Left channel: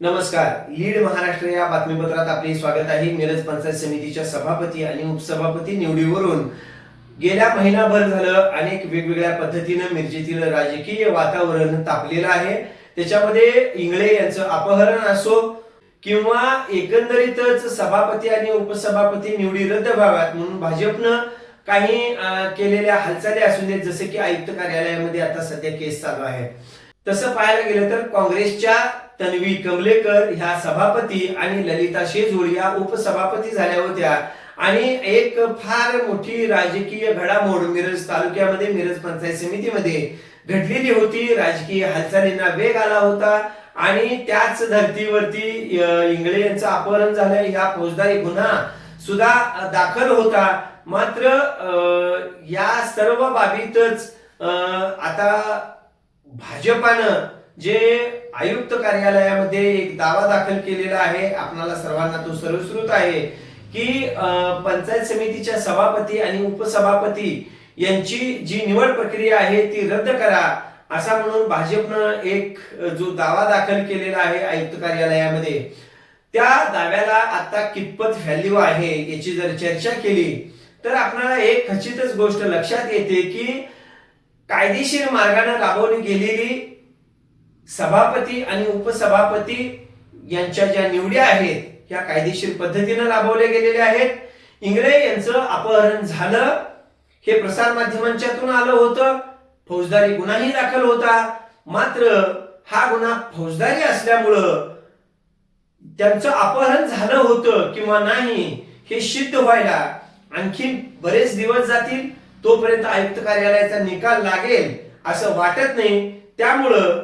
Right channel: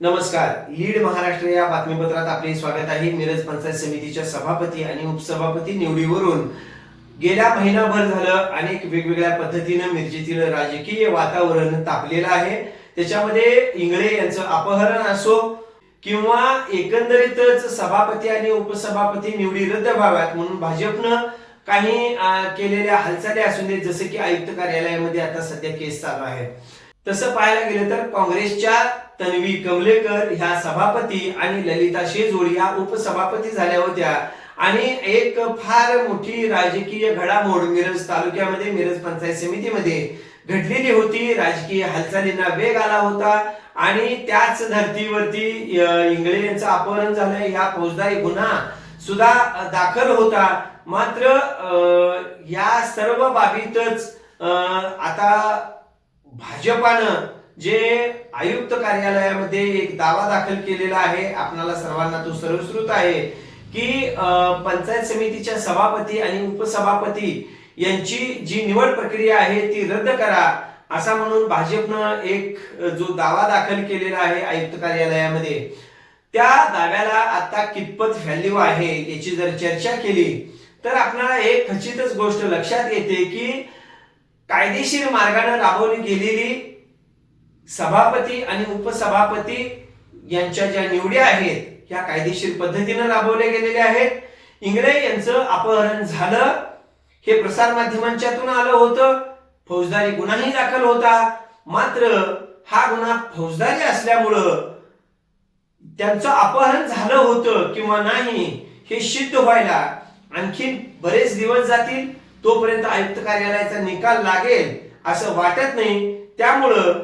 नमस्कार. लीड महाराष्ट्र या बातमीपत्रात आपले स्वागत आहे. मिरज पंचायत समितीच्या सभापती आणि उपसभापती निवडीवरून गेल्या महिनाभर झालं अनेक वेगवेगळ्या पद्धतीनं मिरजेतील राजकीय वातावरण तापलेलं आहे. त्याच्यामध्ये इंगळे यांचं अपहरण असो किंवा एकंदरीतच सभापती आणि उपसभापती निवडी रद्द व्हाव्यात म्हणून भाजपनं काही केलेल्या हालचाली असून देत, जसे की आयुक्त कार्यालयामध्ये आता सध्या केस चालू आहे. तसं पाहायला गेलं तर काँग्रेसच्या तन्वी कमलेकर ह्या सभापती आणि ललिता शेजूळ या उपसभापती झाल्या होत्या आणि एक फार मोठी राजकीय घडामोड मिरज तालुक्यामध्ये मिरज पंचायत समितीमध्ये घडलेली होती. राजकीय हालचालींना वेग आला होता आणि त्याच धर्तीवरती इंगळे यांचं अपहरण झालं, ह्या फौजदारी गुन्हा सुद्धा दाखल होता. मात्र या सर्व बाबीतच आता भाजपानं जे आयुक्त कार्यालयामध्ये एक दावा दाखल केलेला आहे, आपणाला सर्वांना तो सर्वश्रुत आहे की पंचायत समितीच्या सभापती आणि उपसभापती यांची जी निवड प्रक्रिया आहे ती रद्द करा, असा म्हणून भाजपनं एक जो दावा दाखल केलेला आहे आयुक्त कार्यालयामध्ये. त्या दाव्याला आता कितपत व्हॅल्यू आहे याची जर चर्चा केली तर आपल्याला एक खचितच गोष्ट लक्षात येते की कायदेशीर मार्गाने राबवली गेलेली सभापती आणि उपसभापती यांच्या ज्या निवडी आहेत त्या कायदेशीर पद्धतीने राबवल्या गेलेल्या आहेत. इंगळे यांचं अपहरण झालं हे प्रसार माध्यमांच्यातून आलं होतं, फौजदारी गुन्हाही दाखल होता. मात्र हा गुन्हा फौजदारी असल्यामुळं त्यांचं अपहरण झालं होतं किंवा नाही हे सिद्ध व्हायला आणखी बरेच दिवस जातील. तोपर्यंत आयुक्त कार्यालयाचा निकाल लागेल असं वाटत नाही. त्यामुळं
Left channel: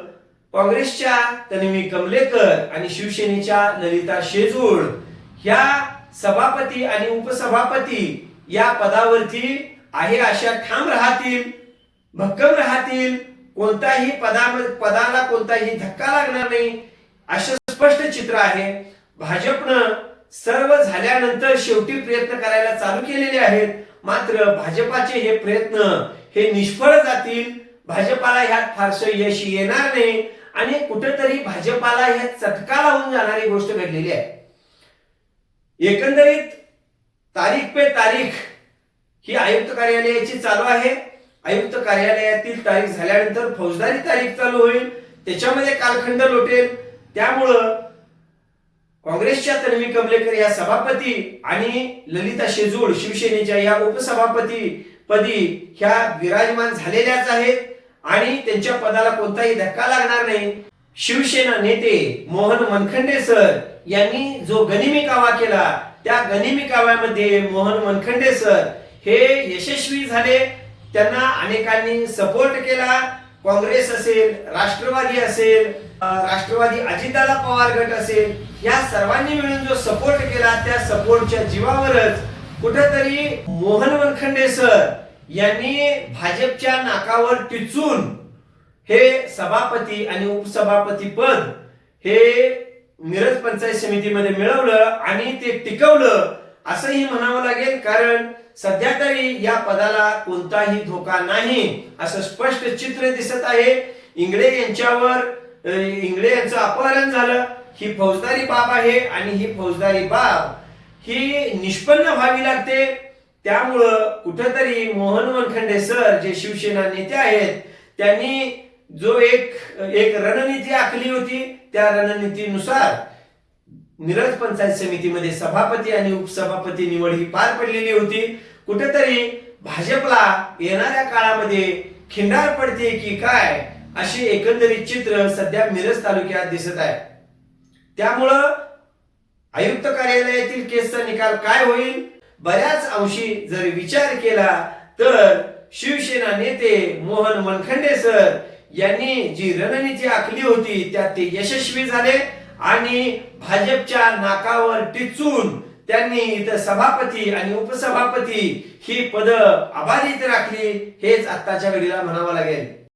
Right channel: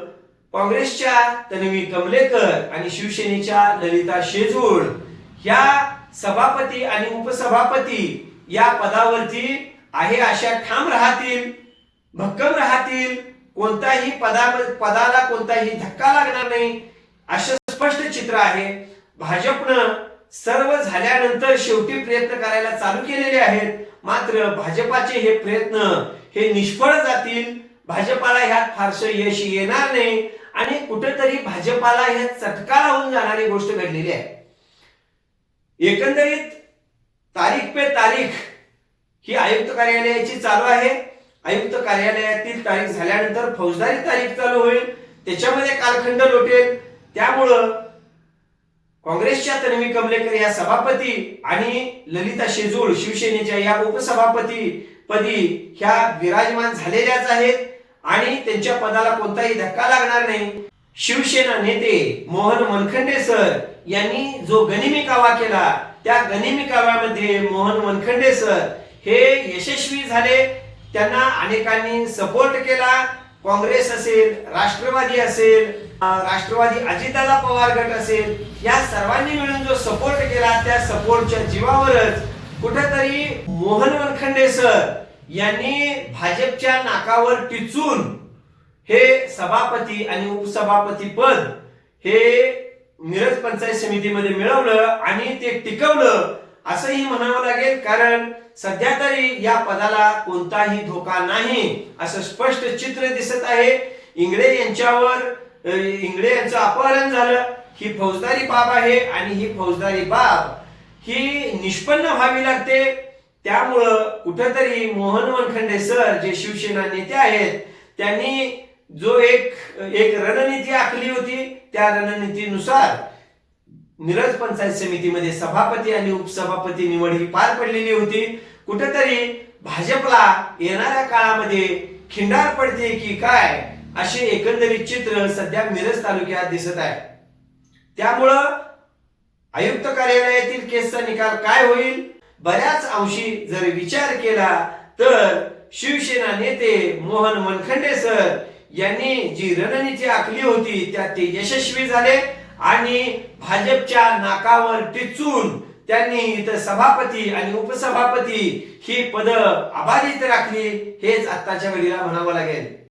काँग्रेसच्या तन्वी कमलेकर आणि शिवसेनेच्या ललिता शेजूळ ह्या सभापती आणि उपसभापती या पदावरती आहे अशा ठाम राहतील, भक्कम राहतील. कोणताही पदाला कोणताही धक्का लागणार नाही असं स्पष्ट चित्र आहे. भाजपनं सर्व झाल्यानंतर शेवटी प्रयत्न करायला चालू केलेले आहेत. मात्र भाजपाचे हे प्रयत्न हे निष्फळ जातील. भाजपाला ह्यात फारसं यश येणार नाही आणि कुठेतरी भाजपाला ह्यात चटका लावून जाणारी गोष्ट घडलेली आहे. एकंदरीत तारीख पे तारीख ही आयुक्त कार्यालयाची चालू आहे. आयुक्त कार्यालयातील तारीख झाल्यानंतर फौजदारी तारीख चालू होईल, त्याच्यामध्ये कालखंड लोटेल. त्यामुळं काँग्रेसच्या तन्वी कमलेकर या सभापती आणि ललिता शेजूळ शिवसेनेच्या या उपसभापती पदी ह्या विराजमान झालेल्याच आहेत आणि त्यांच्या पदाला कोणताही धक्का लागणार नाही. शिवसेना नेते मोहन मनखंडे सर यांनी जो गनिमी कावा केला त्या गनिमी काव्यामध्ये मोहन मनखंडे सर हे यशस्वी झाले. त्यांना अनेकांनी सपोर्ट केला. काँग्रेस असेल, राष्ट्रवादी असेल, राष्ट्रवादी अजितदादा पवार गट असेल, या सर्वांनी मिळून जो सपोर्ट केला त्या सपोर्टच्या जीवावरच कुठेतरी मोहन मनखंडे सर यांनी भाजपच्या नाकावर टिचून हे सभापती आणि उपसभापती पद हे मिरज पंचायत समितीमध्ये मिळवलं आणि ते टिकवलं असंही म्हणावं लागेल. कारण सध्या तरी या पदाला कोणताही धोका नाही असं स्पष्ट चित्र दिसत आहे. इंगळे यांचं अपहरण झालं ही फौजदारी बाब आहे आणि ही फौजदारी बाब ही निष्पन्न व्हावी लागते. त्यामुळं कुठेतरी मोहन मनखंडे सर जे शिवसेना नेते आहेत त्यांनी जो एक रणनीती आखली होती त्या रणनीतीनुसार मिरज पंचायत समितीमध्ये सभापती आणि उपसभापती निवड ही पार पडलेली होती. कुठेतरी भाजपला येणाऱ्या काळामध्ये खिंडार पडते की काय असे एकंदरीत चित्र सध्या मिरज तालुक्यात दिसत आहे. त्यामुळं आयुक्त कार्यालयातील केसचा निकाल काय होईल बऱ्याच अंशी जर विचार केला तर शिवसेना नेते मोहन मनखंडे सर यांनी जी रणनीती आखली होती त्यात ते यशस्वी झाले आणि भाजपच्या नाकावर टिचून त्यांनी इथं सभापती आणि उपसभापती ही पद अबाधित राखली हेच आत्ताच्या घडीला म्हणावं लागेल.